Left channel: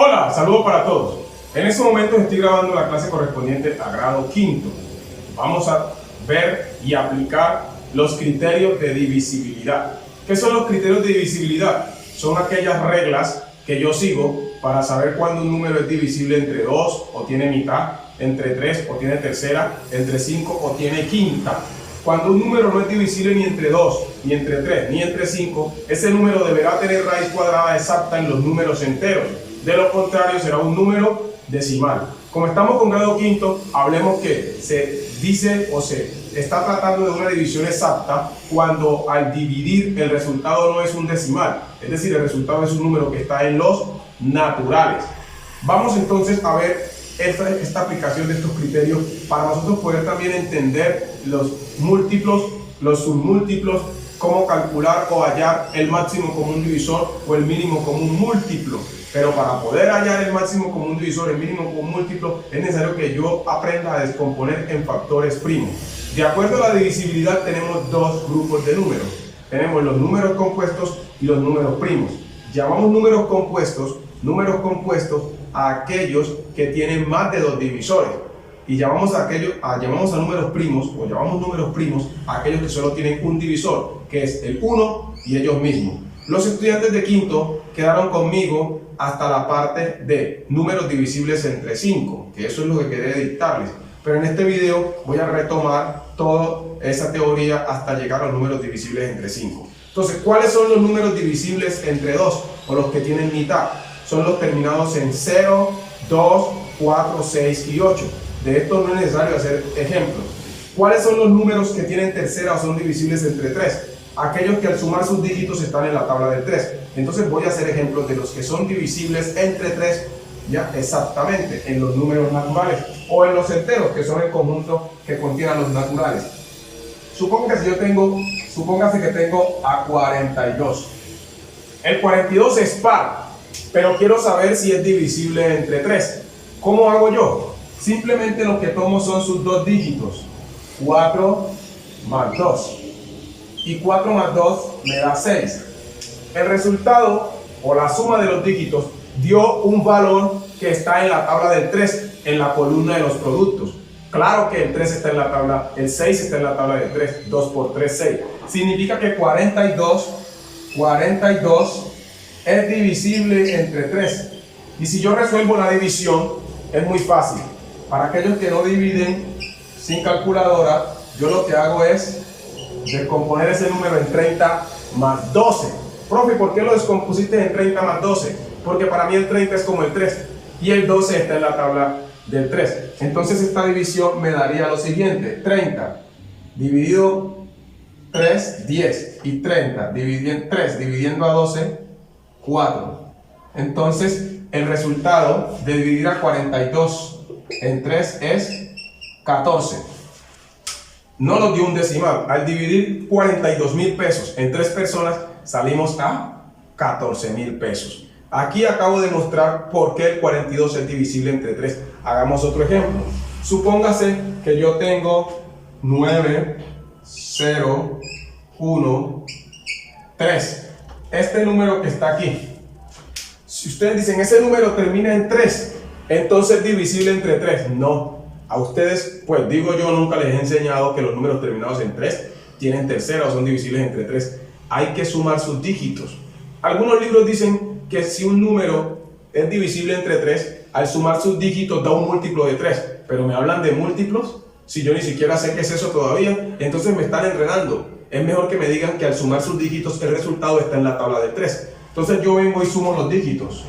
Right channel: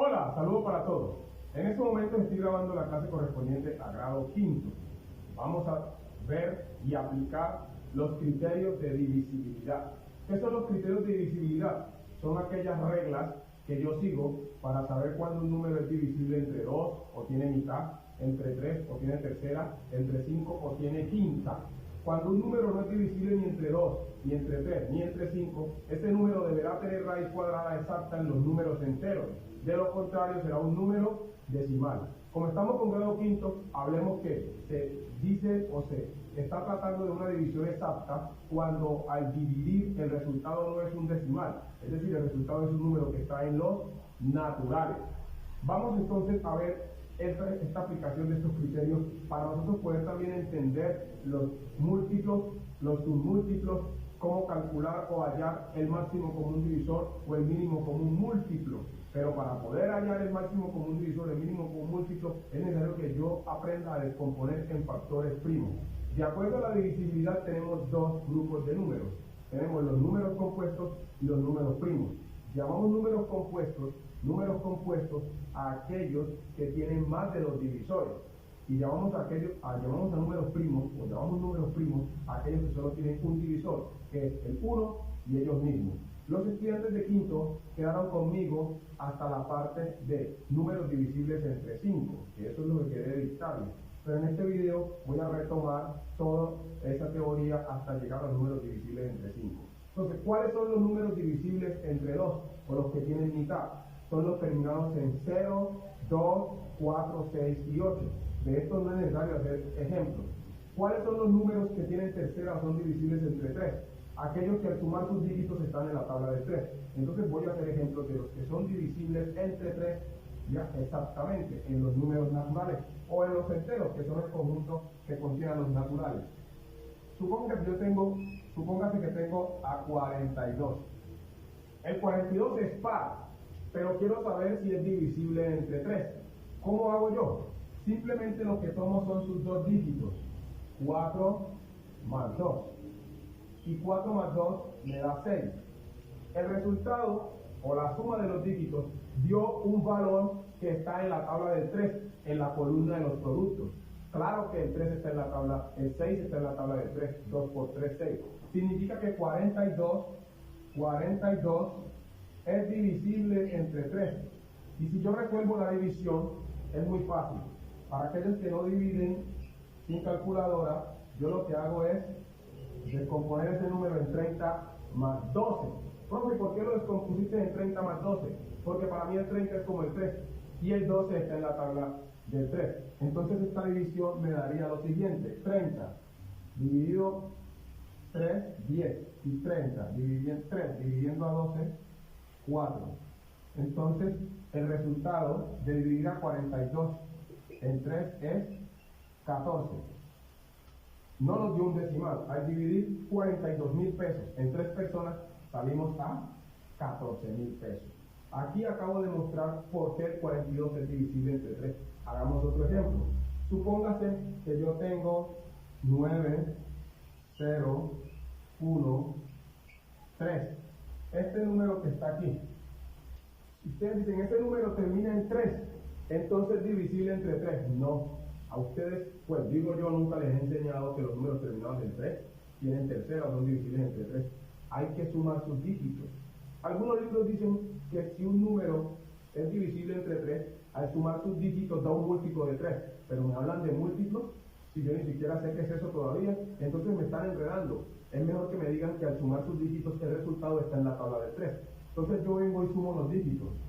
Hola, saludos para todos. En este momento estoy grabando la clase correspondiente a grado quinto. Vamos a ver y aplicar los criterios de divisibilidad. ¿Qué son los criterios de divisibilidad? Son aquellas reglas que yo sigo para saber cuándo un número es divisible entre 2 o tiene mitad, entre 3 o tiene tercera, entre 5 o tiene quinta. Cuando un número no es divisible ni entre 2, ni entre 3, ni entre 5, ese número deberá tener raíz cuadrada exacta en los números enteros. De lo contrario, será un número decimal. Como estamos con grado quinto, hablemos que se dice o se está tratando de una división exacta cuando al dividir el resultado no es un decimal. Es decir, el resultado es un número que está en los naturales. Vamos entonces a ver esta aplicación de estos criterios para nosotros poder también entender los múltiplos, los submúltiplos, cómo calcular o hallar el máximo común divisor o el mínimo común múltiplo. Pero para poder hallar el máximo común divisor, el mínimo común múltiplo, es necesario que yo aprenda a descomponer en factores primos. De acuerdo a la divisibilidad tenemos dos grupos de números. Tenemos los números compuestos y los números primos. Llamamos números compuestos a aquellos que tienen más de dos divisores. Y llamamos a números primos, o llamamos números primos a aquellos que solo tienen un divisor, que es el 1 y ellos mismos. Los estudiantes de quinto quedaron conmigo hasta la parte de números divisibles entre 5, que eso es lo que quería dictarles. Pero en este video voy a retomar toda esa teoría hasta llegar a los números divisibles entre 5. Entonces, ¿cuáles son los números divisibles entre 2 o los que tienen mitad? Son los terminados en 0, 2, 4, 6 y 8. De esto no es necesario hacer ejemplos. ¿Cuáles son los números que tienen tercera o son divisibles entre 3? Aquellos que al sumar sus dígitos están en la tabla del 3. Entonces voy a hacer ejemplos de los que son divisibles entre 3, ya exactamente, en los números naturales o en los enteros, que son el conjunto que contienen los naturales. Supóngase que tengo a 42. El 42 es par, pero quiero saber si es divisible entre 3. ¿Cómo hago yo? Simplemente lo que tomo son sus dos dígitos, 4 más 2. Y 4 más 2 me da 6. El resultado, o la suma de los dígitos, dio un valor que está en la tabla del 3, en la columna de los productos. Claro que el 3 está en la tabla, el 6 está en la tabla del 3, 2 por 3, 6. Significa que 42 es divisible entre 3. Y si yo resuelvo la división, es muy fácil. Para aquellos que no dividen sin calculadora, yo lo que hago es descomponer ese número en 30 más 12. Profe, ¿por qué lo descompusiste en 30 más 12? Porque para mí el 30 es como el 3 y el 12 está en la tabla del 3. Entonces esta división me daría lo siguiente: 30 dividido 3, 10, y 30 dividiendo a 12, 4. Entonces el resultado de dividir a 42 en 3 es 14. No nos dio un decimal. Al dividir 42.000 pesos en 3 personas, salimos a 14.000 pesos. Aquí acabo de mostrar por qué el 42 es divisible entre 3. Hagamos otro ejemplo. Supóngase que yo tengo 9, 0, 1, 3. Este número que está aquí. Si ustedes dicen, ese número termina en 3, entonces es divisible entre 3. No. A ustedes, pues digo yo, nunca les he enseñado que los números terminados en 3 tienen tercera o son divisibles entre 3. Hay que sumar sus dígitos. Algunos libros dicen que si un número es divisible entre 3, al sumar sus dígitos da un múltiplo de 3. Pero me hablan de múltiplos, si yo ni siquiera sé qué es eso todavía, entonces me están enredando. Es mejor que me digan que al sumar sus dígitos el resultado está en la tabla de 3. Entonces yo vengo y sumo los dígitos.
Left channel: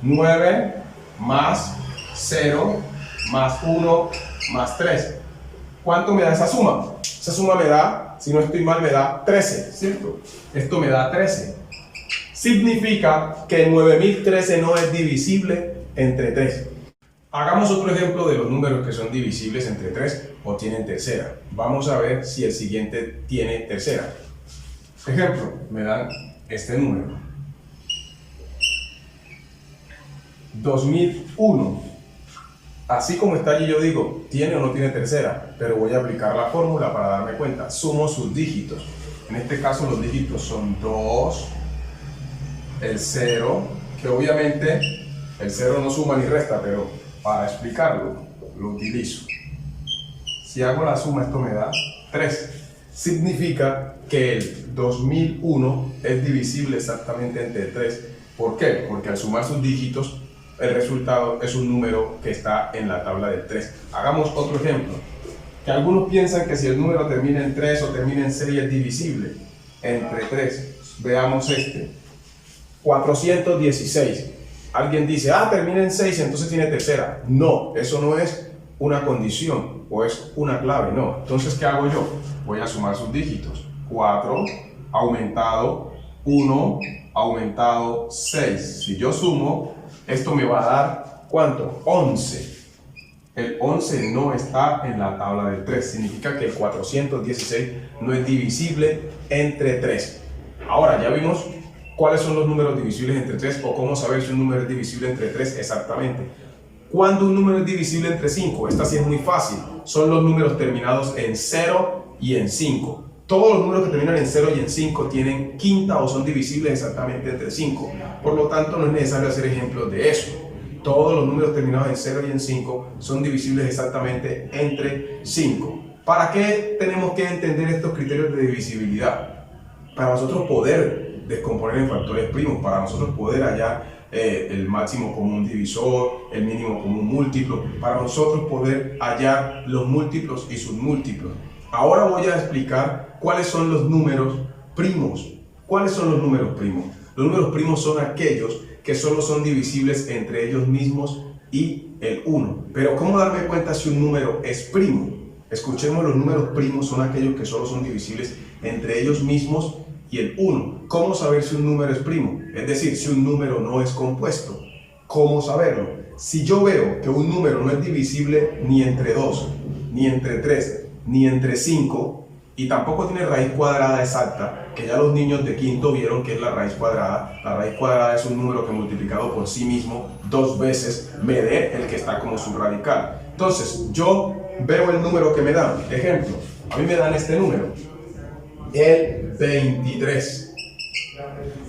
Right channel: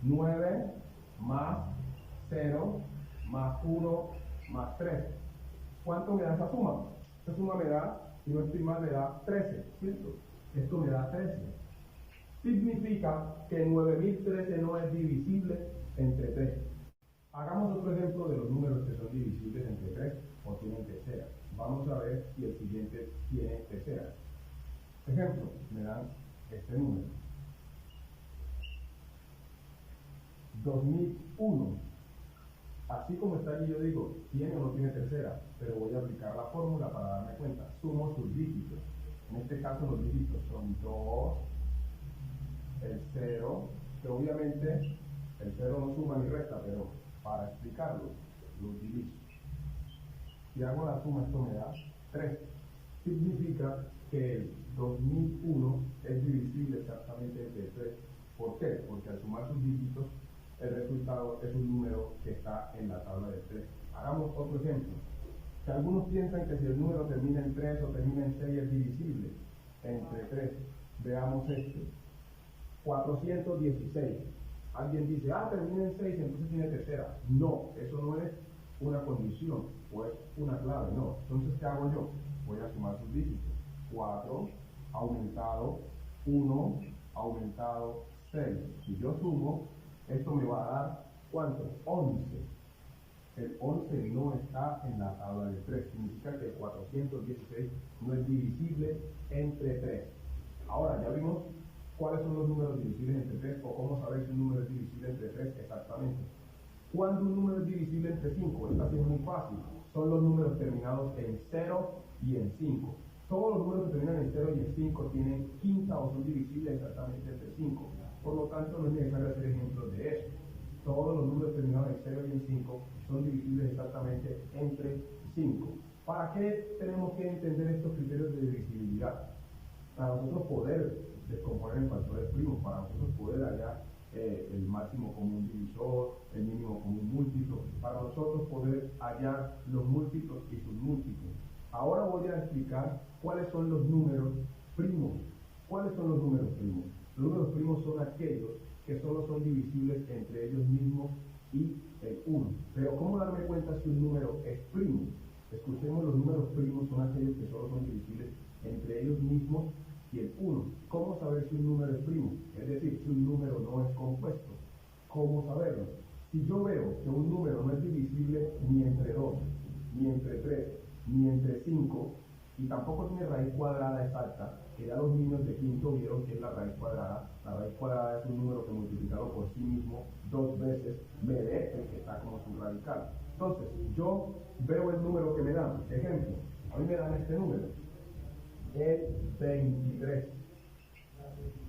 9 más 0 más 1 más 3. ¿Cuánto me da esa suma? Esa suma me da, si no estoy mal, me da 13, ¿cierto? Esto me da 13. Significa que 9013 no es divisible entre 3. Hagamos otro ejemplo de los números que son divisibles entre 3 o tienen tercera. Vamos a ver si el siguiente tiene tercera. Ejemplo, me dan este número. 2001. Así como está allí, yo digo, ¿tiene o no tiene tercera? Pero voy a aplicar la fórmula para darme cuenta. Sumo sus dígitos. En este caso los dígitos son 2, el 0, que obviamente El 0 no suma ni resta, pero para explicarlo, lo utilizo. Si hago la suma, esto me da 3. Significa que el 2001 es divisible exactamente entre 3. ¿Por qué? Porque al sumar sus dígitos, el resultado es un número que está en la tabla del 3. Hagamos otro ejemplo. Que algunos piensan que si el número termina en 3 o termina en 6 es divisible entre 3. Veamos este. 416. Alguien dice, termina en 6, entonces tiene tercera. No, eso no es una condición o es una clave, no. Entonces, ¿qué hago yo? Voy a sumar sus dígitos. 4 aumentado 1 aumentado 6. Si yo sumo, esto me va a dar, ¿cuánto? 11. El 11 no está en la tabla del 3. Significa que el 416 no es divisible entre 3. Ahora, ya vimos cuáles son los números divisibles entre 3 o cómo saber si un número es divisible entre 3 exactamente. ¿Cuándo un número es divisible entre 5? Esta sí es muy fácil. Son los números terminados en 0 y en 5. Todos los números que terminan en 0 y en 5 tienen quinta o son divisibles exactamente entre 5. Por lo tanto, no es necesario hacer ejemplos de eso. Todos los números terminados en 0 y en 5 son divisibles exactamente entre 5. ¿Para qué tenemos que entender estos criterios de divisibilidad? Para nosotros poder descomponer en factores primos, para nosotros poder hallar el máximo común divisor, el mínimo común múltiplo, para nosotros poder hallar los múltiplos y sus múltiplos. Ahora voy a explicar cuáles son los números primos. ¿Cuáles son los números primos? Los números primos son aquellos que solo son divisibles entre ellos mismos y el 1. Pero ¿cómo darme cuenta si un número es primo? Escuchemos, los números primos son aquellos que solo son divisibles entre ellos mismos y el 1. ¿Cómo saber si un número es primo? Es decir, si un número no es compuesto. ¿Cómo saberlo? Si yo veo que un número no es divisible ni entre 2, ni entre 3, ni entre 5, y tampoco tiene raíz cuadrada exacta, que ya los niños de quinto vieron que es la raíz cuadrada. La raíz cuadrada es un número que multiplicado por sí mismo 2 veces me dé el que está como subradical. Entonces, yo veo el número que me dan. Ejemplo, a mí me dan este número, el 23.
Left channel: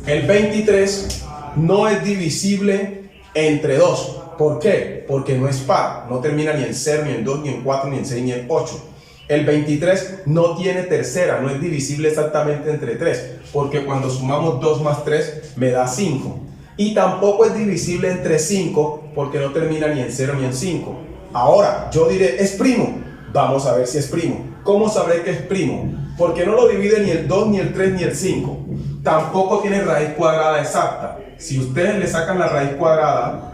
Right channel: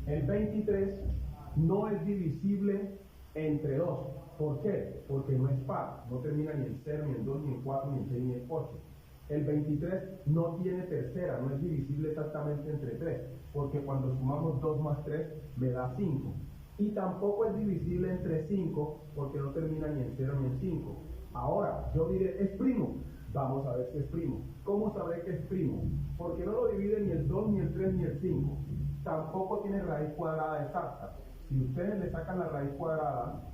El 23 no es divisible entre 2. ¿Por qué? Porque no es par, no termina ni en 0, ni en 2, ni en 4, ni en 6, ni en 8. El 23 no tiene tercera, no es divisible exactamente entre 3, porque cuando sumamos 2 más 3 me da 5. Y tampoco es divisible entre 5, porque no termina ni en 0 ni en 5. Ahora, yo diré, ¿es primo? Vamos a ver si es primo. ¿Cómo sabré que es primo? Porque no lo divide ni el 2, ni el 3, ni el 5. Tampoco tiene raíz cuadrada exacta. Si ustedes le sacan la raíz cuadrada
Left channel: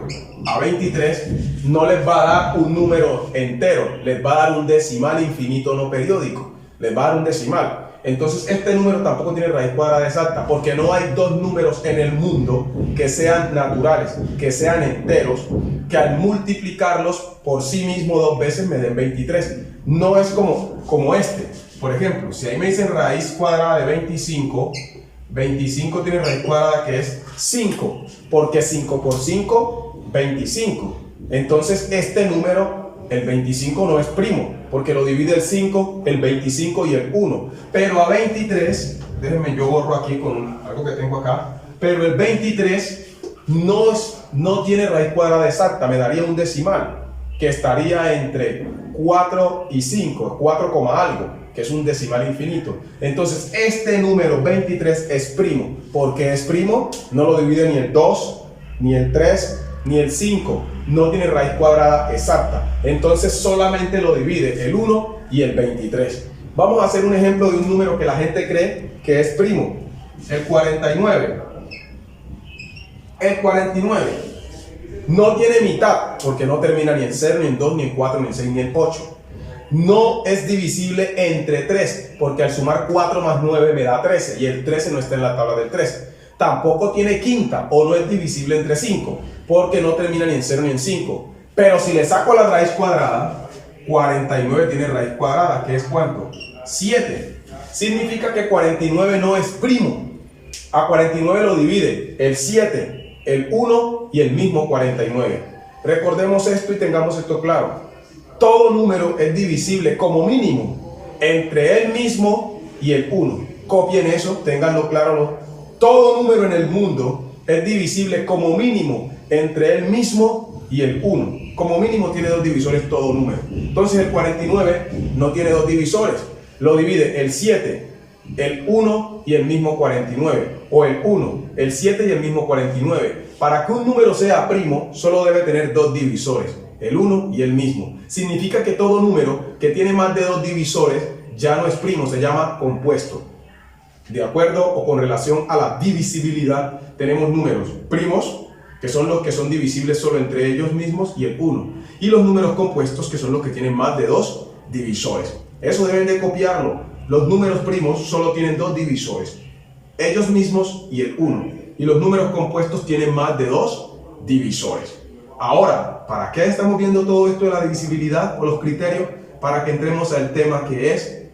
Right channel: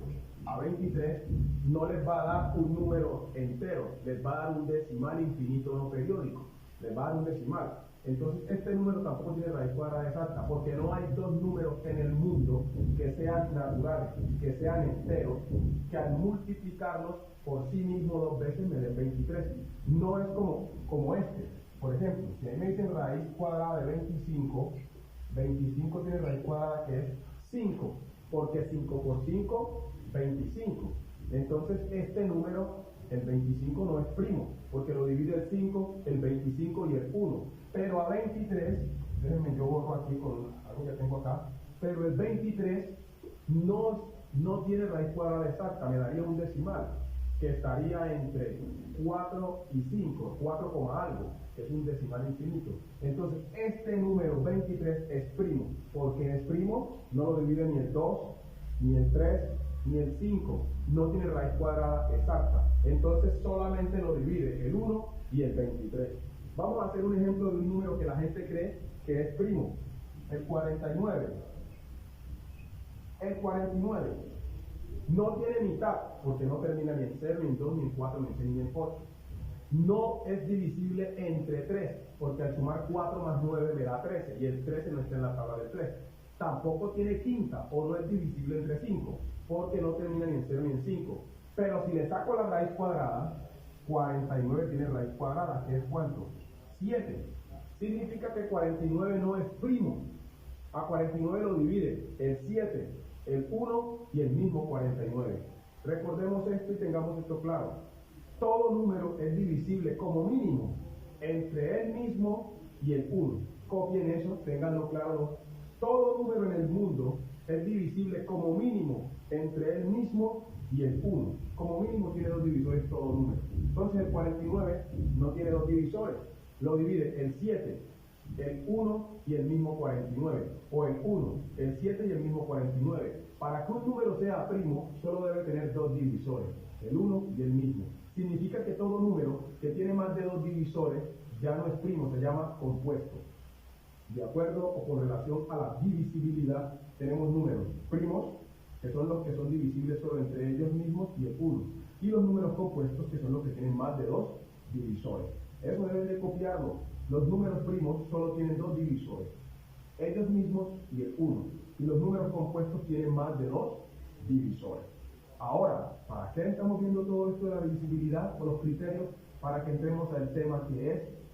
a 23, no les va a dar un número entero, les va a dar un decimal infinito no periódico, les va a dar un decimal. Entonces este número tampoco tiene raíz cuadrada exacta, porque no hay dos números en el mundo que sean naturales, que sean enteros, que al multiplicarlos por sí mismo 2 veces me den 23. No es como este. Por ejemplo, si ahí me dicen raíz cuadrada de 25, 25 tiene raíz cuadrada que es 5, porque 5 por 5, 25. Entonces este número, el 25, no es primo, porque lo divide el 5, el 25 y el 1. Pero a 23, déjenme, yo borro aquí con algo que tengo acá, pero el 23 no tiene raíz cuadrada exacta, me daría un decimal, que estaría entre 4 y 5, 4, algo, que es un decimal infinito. Entonces este número 23 es primo. ¿Por qué es primo? No lo divide ni el 2, ni el 3, ni el 5. No tiene raíz cuadrada exacta. Entonces solamente lo divide el 1 y el 23. Vamos a hacer un ejemplo de un número que la gente cree que es primo. El 49. El 49 no tiene mitad, porque no termina ni en 0, ni en 2, ni en 4, ni en 6, ni en 8. No es divisible entre 3, porque al sumar 4 más 9 me da 13, y el 13 no está en la tabla del 13. Tampoco tiene quinta, o no es divisible entre 5, porque no termina ni en 0 ni en 5. Pero si le saco la raíz cuadrada, 49 tiene raíz cuadrada, que es ¿cuánto? 7. Significa que 49 no es primo. A 49 lo divide el 7, el 1 y el mismo 49. Recordemos esto y tengamos esto claro. Todo número es divisible como mínimo entre él mismo y el 1. Copien eso, ténganlo claro. Todo número en el mundo es divisible como mínimo entre el mismo y el 1. Como mínimo tiene dos divisores todo número. Entonces el 49 no tiene dos divisores. Lo divide el 7, el 1 y el mismo 49. O el 1, el 7 y el mismo 49. Para que un número sea primo, solo debe tener dos divisores, el 1 y el mismo. Significa que todo número que tiene más de dos divisores ya no es primo, se llama compuesto. De acuerdo o con relación a la divisibilidad, tenemos números primos, que son los que son divisibles solo entre ellos mismos, y el 1. Y los números compuestos, que son los que tienen más de dos divisores. Eso deben de copiarlo. Los números primos solo tienen dos divisores, ellos mismos y el 1. Y los números compuestos tienen más de dos divisores. Ahora, ¿para qué estamos viendo todo esto de la divisibilidad o los criterios? Para que entremos al tema que es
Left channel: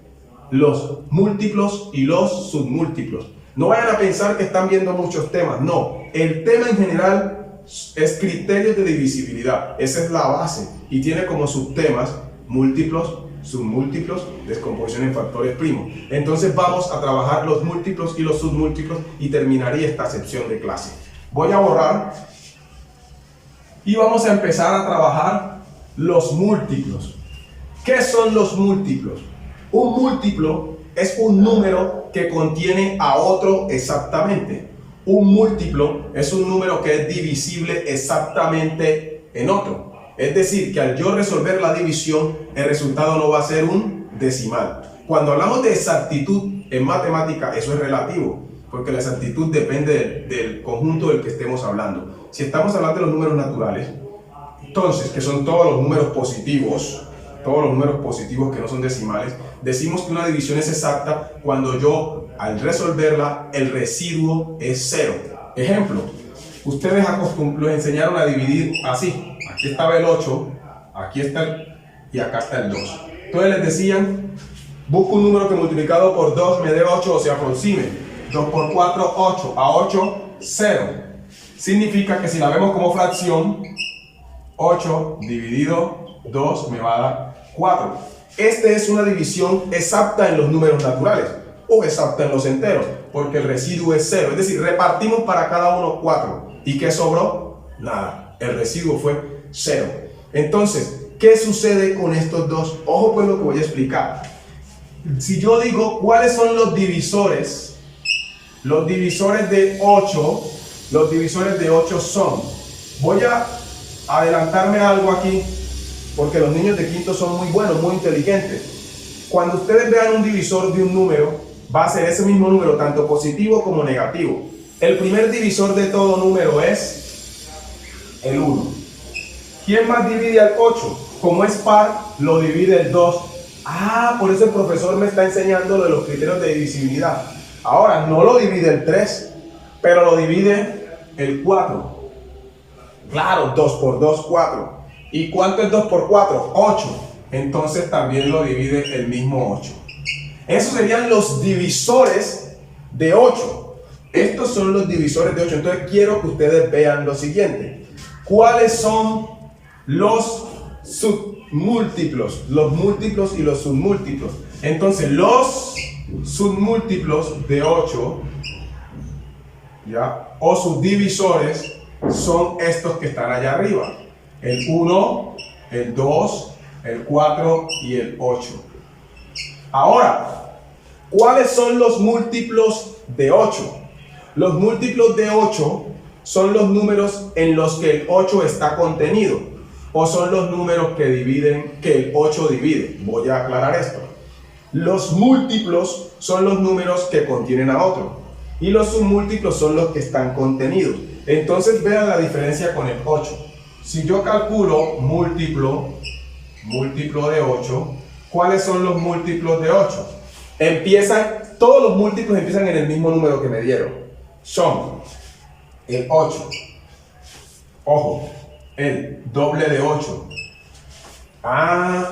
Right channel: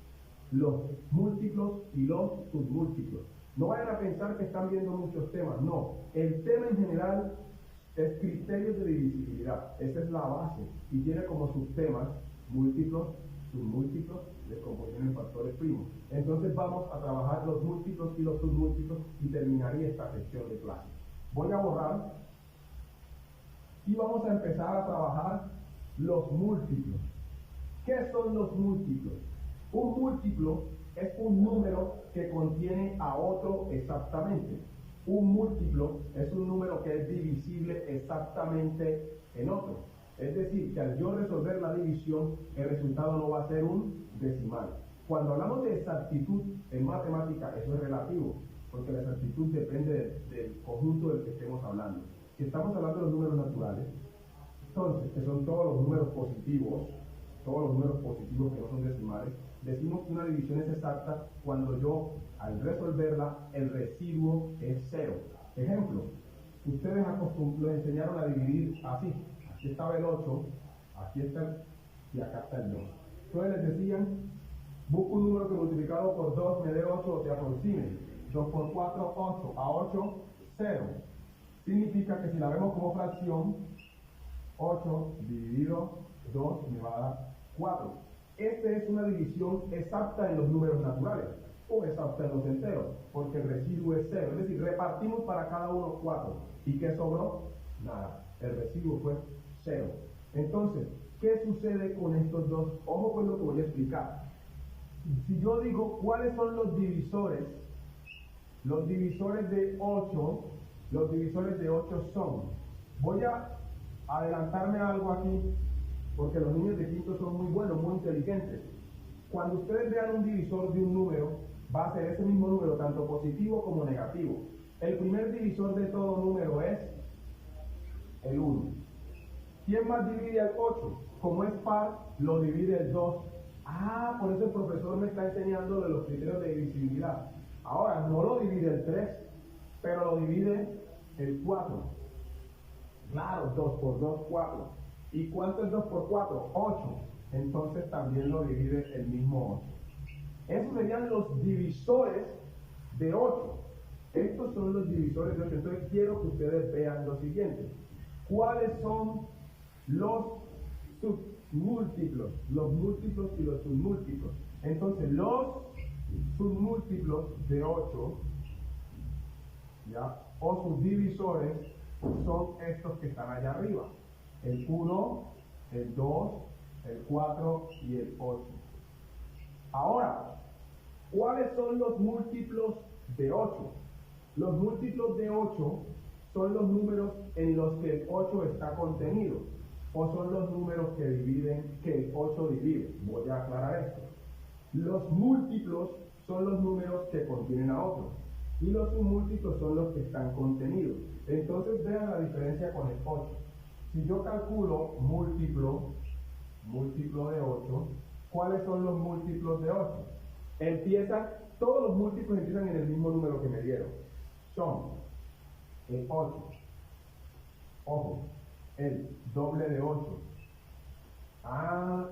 los múltiplos y los submúltiplos. No vayan a pensar que están viendo muchos temas, no. El tema en general es criterios de divisibilidad. Esa es la base y tiene como subtemas múltiplos, submúltiplos, descomposición en factores primos. Entonces vamos a trabajar los múltiplos y los submúltiplos y terminaría esta sección de clase. Voy a borrar y vamos a empezar a trabajar los múltiplos. ¿Qué son los múltiplos? Un múltiplo es un número que contiene a otro exactamente. Un múltiplo es un número que es divisible exactamente en otro. Es decir, que al yo resolver la división, el resultado no va a ser un decimal. Cuando hablamos de exactitud en matemática, eso es relativo, porque la exactitud depende del conjunto del que estemos hablando. Si estamos hablando de los números naturales, entonces, que son todos los números positivos que no son decimales, decimos que una división es exacta cuando yo, al resolverla, el residuo es 0. Ejemplo, ustedes los enseñaron a dividir así. Aquí estaba el 8, aquí está y acá está el 2. Entonces les decían, busca un número que multiplicado por 2 me dé 8 o se aproxime. 2 por 4, 8. A 8, 0. Significa que si la vemos como fracción, 8 dividido 2 me va a dar 4. Esta es una división exacta en los números naturales o exacta en los enteros, porque el residuo es 0. Es decir, repartimos para cada uno 4. ¿Y qué sobró? Nada. El residuo fue 0. Entonces, ¿qué sucede con estos dos? Ojo pues lo que voy a explicar. Si yo digo cuáles son los divisores de 8, los divisores de 8 son, voy a adelantarme algo aquí, porque los niños de quinto son muy buenos, muy inteligentes. Cuando ustedes vean un divisor de un número, va a ser ese mismo número, tanto positivo como negativo. El primer divisor de todo número es el 1. ¿Quién más divide al 8? Como es par, lo divide el 2. Ah, por eso el profesor me está enseñando lo de los criterios de divisibilidad. Ahora, no lo divide el 3, pero lo divide el 4. Claro, 2 por 2, 4. ¿Y cuánto es 2 por 4? 8. Entonces también lo divide el mismo 8. Esos serían los divisores de 8. Estos son los divisores de 8. Entonces quiero que ustedes vean lo siguiente. ¿Cuáles son los submúltiplos? Los múltiplos y los submúltiplos. Entonces los submúltiplos de 8, ¿ya? O subdivisores son estos que están allá arriba. El 1, el 2, el 4 y el 8. Ahora, ¿cuáles son los múltiplos de 8? Los múltiplos de 8 son los números en los que el 8 está contenido, o son los números que el 8 divide. Voy a aclarar esto. Los múltiplos son los números que contienen a otro, y los submúltiplos son los que están contenidos. Entonces vean la diferencia con el 8. Si yo calculo múltiplo de 8, ¿cuáles son los múltiplos de 8? Todos los múltiplos empiezan en el mismo número que me dieron. Son el 8. Ojo, el doble de 8.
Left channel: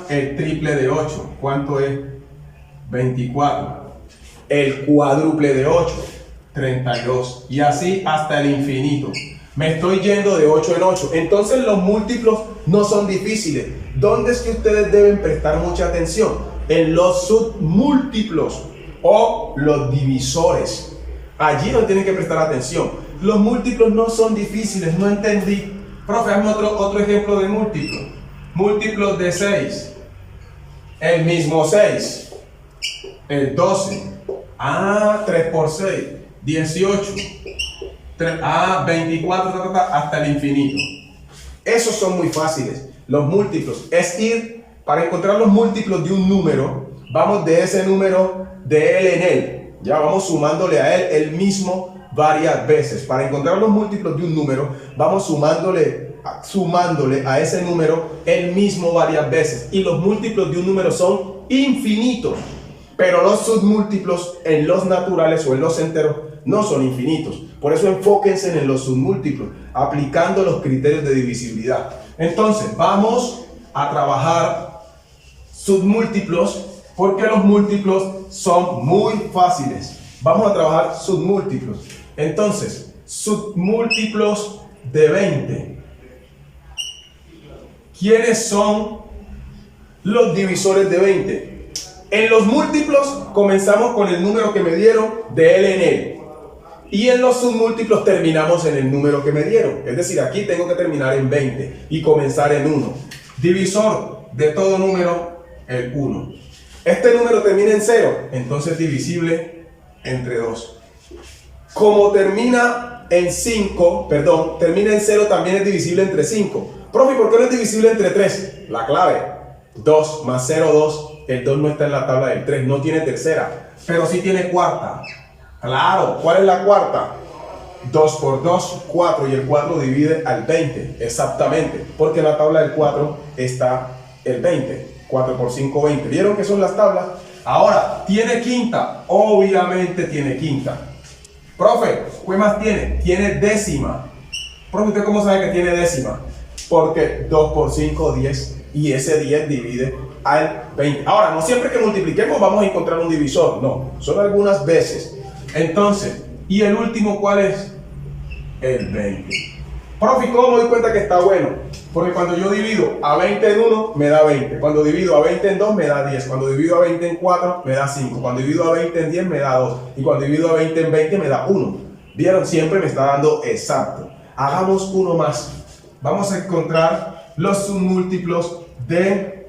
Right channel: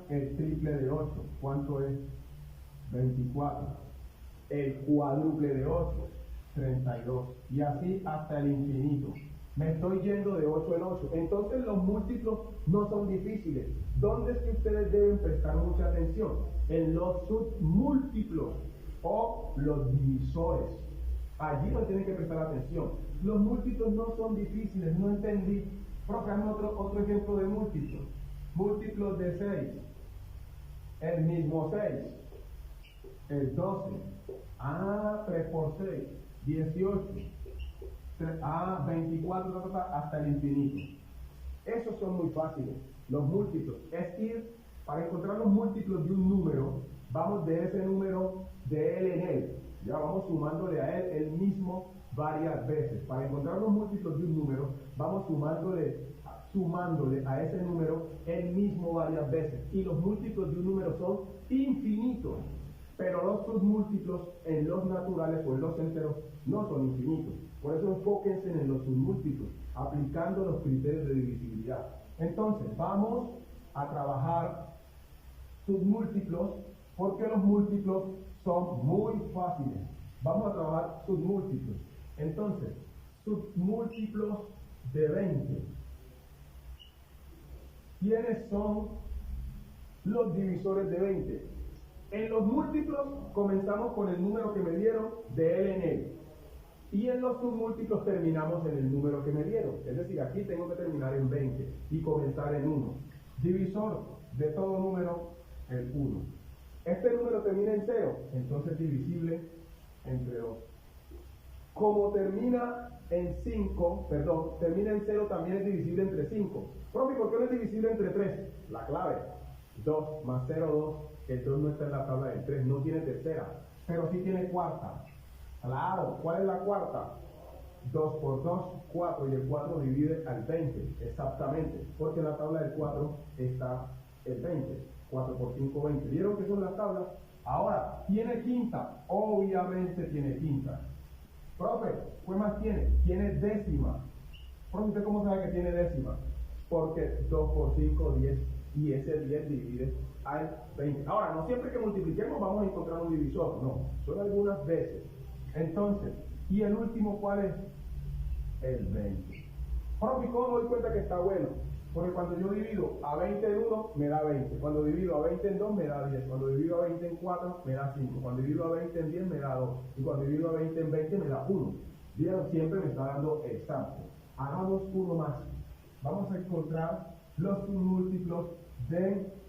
El triple de 8. ¿Cuánto es? 24. El cuádruple de 8. 32. Y así hasta el infinito. Me estoy yendo de 8 en 8. Entonces los múltiplos no son difíciles. ¿Dónde es que ustedes deben prestar mucha atención? En los submúltiplos o los divisores. Allí no tienen que prestar atención. Los múltiplos no son difíciles, no entendí. Profe, hazme otro ejemplo de múltiplo. Múltiplos de 6. El mismo 6. El 12. 3 por 6. 18. 24, hasta el infinito. Esos son muy fáciles. Los múltiplos. Para encontrar los múltiplos de un número, vamos de ese número de él en él. Ya vamos sumándole a él el mismo varias veces. Para encontrar los múltiplos de un número, vamos sumándole a ese número el mismo varias veces. Y los múltiplos de un número son infinitos. Pero los submúltiplos en los naturales o en los enteros no son infinitos. Por eso enfóquense en los submúltiplos, aplicando los criterios de divisibilidad. Entonces, vamos a trabajar submúltiplos, porque los múltiplos son muy fáciles. Vamos a trabajar submúltiplos. Entonces, submúltiplos de 20. ¿Quiénes son los divisores de 20? En los múltiplos comenzamos con el número que me dieron de él en él. Y en los submúltiplos terminamos en el número que me dieron. Es decir, aquí tengo que terminar en 20 y comenzar en 1. Divisor de todo número, el 1. Este número termina en 0, entonces divisible entre 2. Como termina en 5, termina en 0, también es divisible entre 5. Profe, ¿por qué no es divisible entre 3? La clave, 2 más 0, 2. El 2 no está en la tabla del 3, no tiene tercera, pero sí tiene cuarta. Claro, ¿cuál es la cuarta? 2 por 2, 4, y el 4 divide al 20, exactamente, porque en la tabla del 4 está el 20. 4 por 5, 20. ¿Vieron que son las tablas? Ahora, ¿tiene quinta? Obviamente tiene quinta. Profe, ¿qué más tiene? Tiene décima. Profe, ¿usted cómo sabe que tiene décima? Porque 2 por 5, 10, y ese 10 divide al 20. Ahora, no siempre que multipliquemos vamos a encontrar un divisor, no, son algunas veces. Entonces, ¿y el último cuál es? El 20. Profe, ¿cómo me doy cuenta que está bueno? Porque cuando yo divido a 20 en 1, me da 20. Cuando divido a 20 en 2, me da 10. Cuando divido a 20 en 4, me da 5. Cuando divido a 20 en 10, me da 2. Y cuando divido a 20 en 20, me da 1. ¿Vieron? Siempre me está dando exacto. Hagamos uno más. Vamos a encontrar los submúltiplos de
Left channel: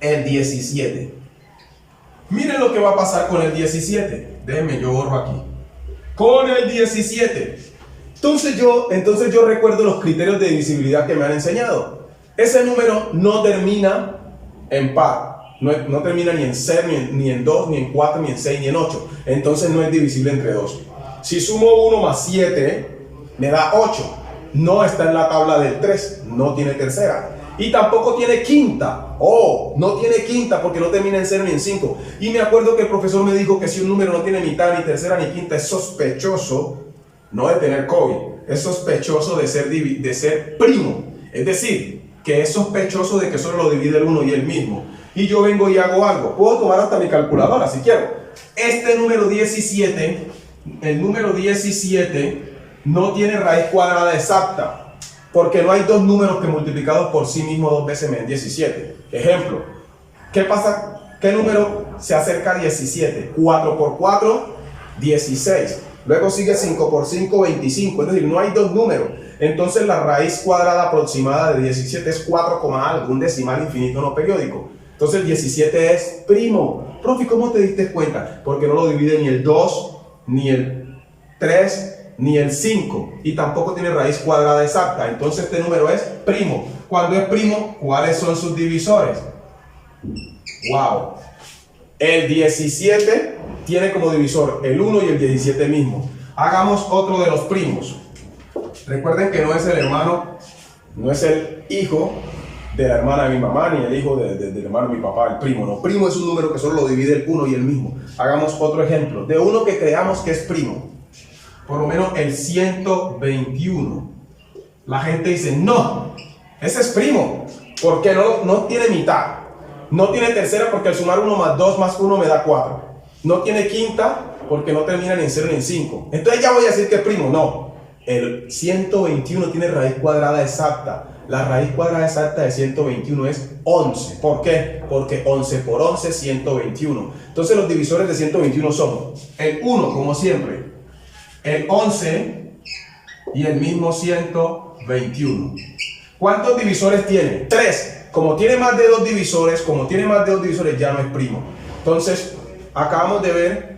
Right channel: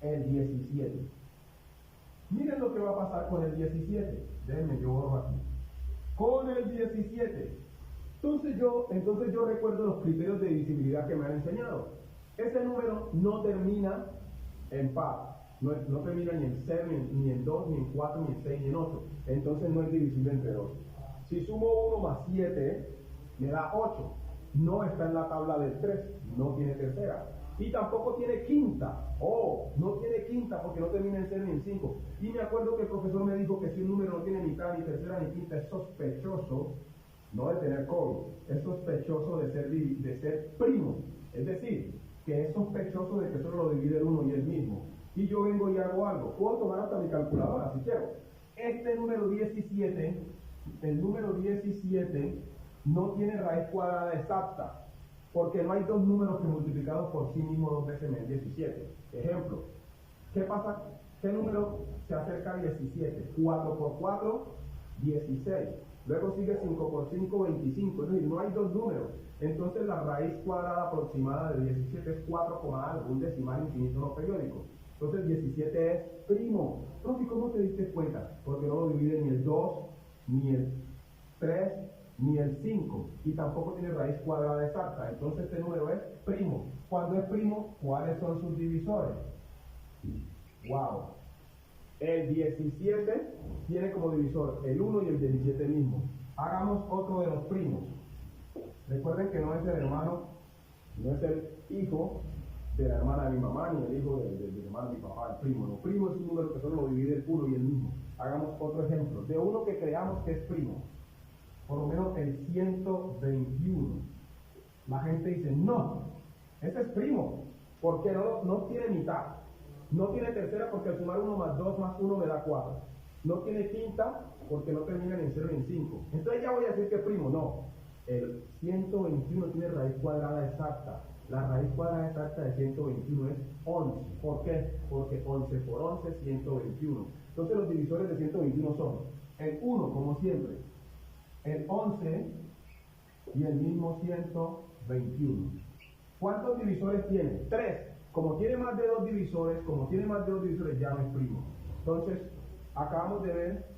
el 17. Miren lo que va a pasar con el 17. Déjenme, yo borro aquí. Con el 17. Entonces yo recuerdo los criterios de divisibilidad que me han enseñado. Ese número no termina en par. No termina ni en 0, ni en 2, ni en 4, ni en 6, ni en 8. Entonces no es divisible entre 2. Si sumo 1 más 7, me da 8. No está en la tabla del 3. No tiene tercera. Y tampoco tiene quinta. No tiene quinta porque no termina en 0 ni en 5. Y me acuerdo que el profesor me dijo que si un número no tiene mitad, ni tercera, ni quinta, es sospechoso, no de tener COVID, es sospechoso de ser primo. Es decir, que es sospechoso de que solo lo divide el 1 y el mismo. Y yo vengo y hago algo. Puedo tomar hasta mi calculadora si quiero. Este número 17, el número 17 no tiene raíz cuadrada exacta. Porque no hay dos números que multiplicados por sí mismos 2 veces me den 17. Ejemplo, ¿qué pasa? ¿Qué número se acerca a 17? 4 por 4, 16. Luego sigue 5 por 5, 25. Es decir, no hay dos números. Entonces la raíz cuadrada aproximada de 17 es 4, algo, un decimal infinito no periódico. Entonces el 17 es primo. Profe, ¿cómo te diste cuenta? Porque no lo divide ni el 2, ni el 3, ni el 5, y tampoco tiene raíz cuadrada exacta. Entonces este número es primo. Cuando es primo, ¿cuáles son sus divisores? ¡Wow! El 17 tiene como divisor el 1 y el 17 mismo. Hagamos otro de los primos. Recuerden que no es el hermano, no es el hijo de la hermana de mi mamá, ni el hijo del hermano de mi papá, el primo. No, primo es un número que solo lo divide el 1 y el mismo. Hagamos otro ejemplo de uno que creamos que es primo. Por lo menos el 121. La gente dice, no, ese es primo, porque no tiene mitad. No tiene tercera porque al sumar 1 más 2 más 1 me da 4. No tiene quinta porque no termina ni en 0 ni en 5. Entonces ya voy a decir que es primo. No, el 121 tiene raíz cuadrada exacta. La raíz cuadrada exacta de 121 es 11. ¿Por qué? Porque 11 por 11 es 121. Entonces los divisores de 121 son el 1, como siempre. El 11 y el mismo 121. ¿Cuántos divisores tiene? 3. Como tiene más de 2 divisores, ya no es primo. Entonces, acabamos de ver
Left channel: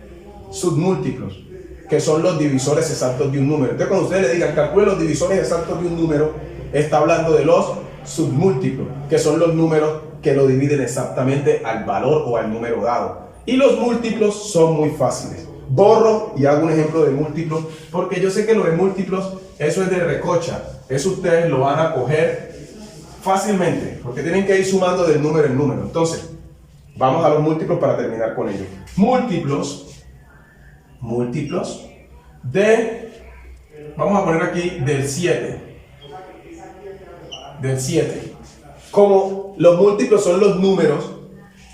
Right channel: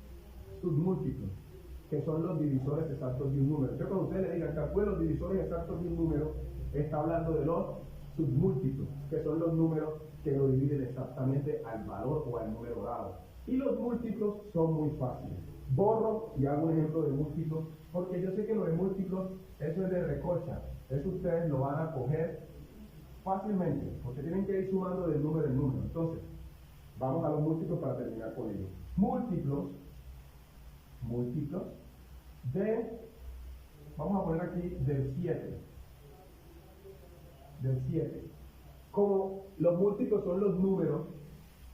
submúltiplos, que son los divisores exactos de un número. Entonces, cuando ustedes le digan calcule los divisores exactos de un número, está hablando de los submúltiplos, que son los números que lo dividen exactamente al valor o al número dado. Y los múltiplos son muy fáciles. Borro y hago un ejemplo de múltiplos, porque yo sé que lo de múltiplos, eso es de recocha. Eso ustedes lo van a coger fácilmente, porque tienen que ir sumando del número en número. Entonces, vamos a los múltiplos para terminar con ellos. Múltiplos de, vamos a poner aquí del 7. Del 7. Como los múltiplos son los números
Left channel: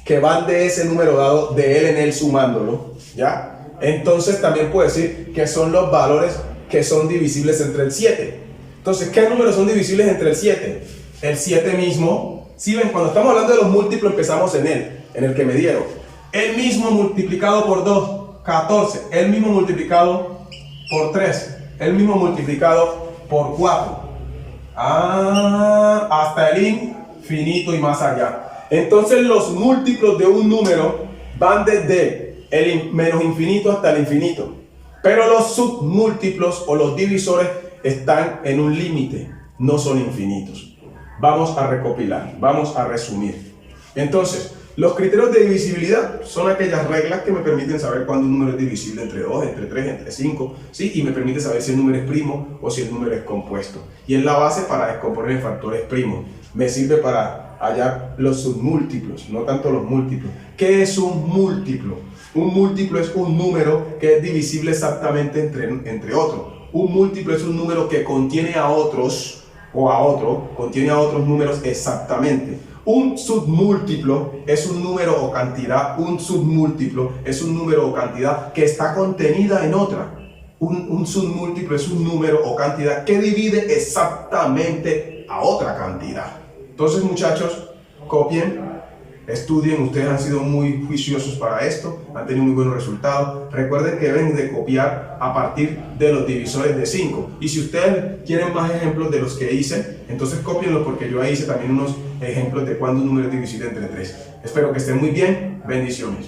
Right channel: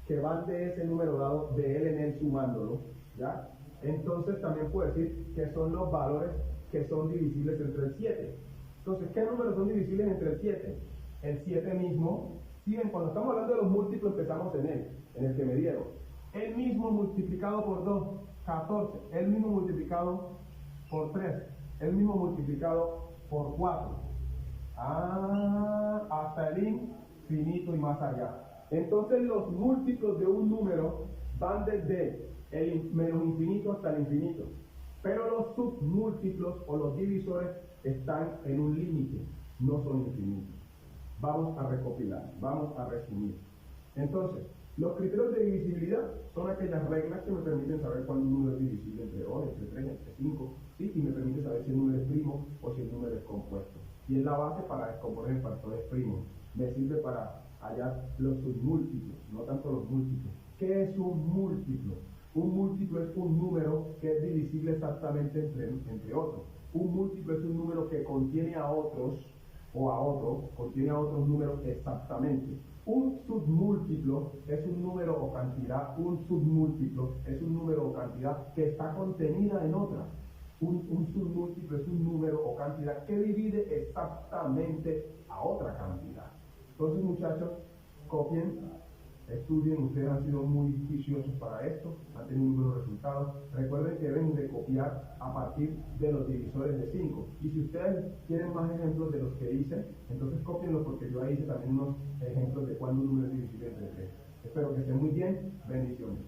que van de ese número dado, de él en él sumándolo, ¿ya? Entonces también puedo decir que son los valores que son divisibles entre el 7. Entonces, ¿qué números son divisibles entre el 7? El 7 mismo. Si ven, cuando estamos hablando de los múltiplos empezamos en el que me dieron. El mismo multiplicado por 2, 14. El mismo multiplicado por 3. El mismo multiplicado por 4. Hasta el infinito y más allá. Entonces los múltiplos de un número van desde el menos infinito hasta el infinito. Pero los submúltiplos o los divisores están en un límite, no son infinitos. Vamos a recopilar, vamos a resumir. Entonces, los criterios de divisibilidad son aquellas reglas que me permiten saber cuándo un número es divisible entre 2, entre 3, entre 5, ¿sí? Y me permite saber si el número es primo o si el número es compuesto. Y es la base para descomponer en factores primos. Me sirve para hallar los submúltiplos, no tanto los múltiplos. ¿Qué es un múltiplo? Un múltiplo es un número que es divisible exactamente entre otros. Un múltiplo es un número que contiene a otros contiene a otros números exactamente. Un submúltiplo es un número o cantidad, que está contenida en otra. Un submúltiplo es un número o cantidad que divide exactamente a otra cantidad. Entonces, muchachos, copien, estudien, ustedes han sido muy juiciosos para esto, han tenido muy buenos resultados. Recuerden que deben de copiar a partir de los divisores de 5. Y si ustedes quieren más ejemplos de los que hice, entonces cópienlos, porque yo ahí hice también unos ejemplos de cuándo un número es divisible entre 3. Espero que estén muy bien. Bendiciones.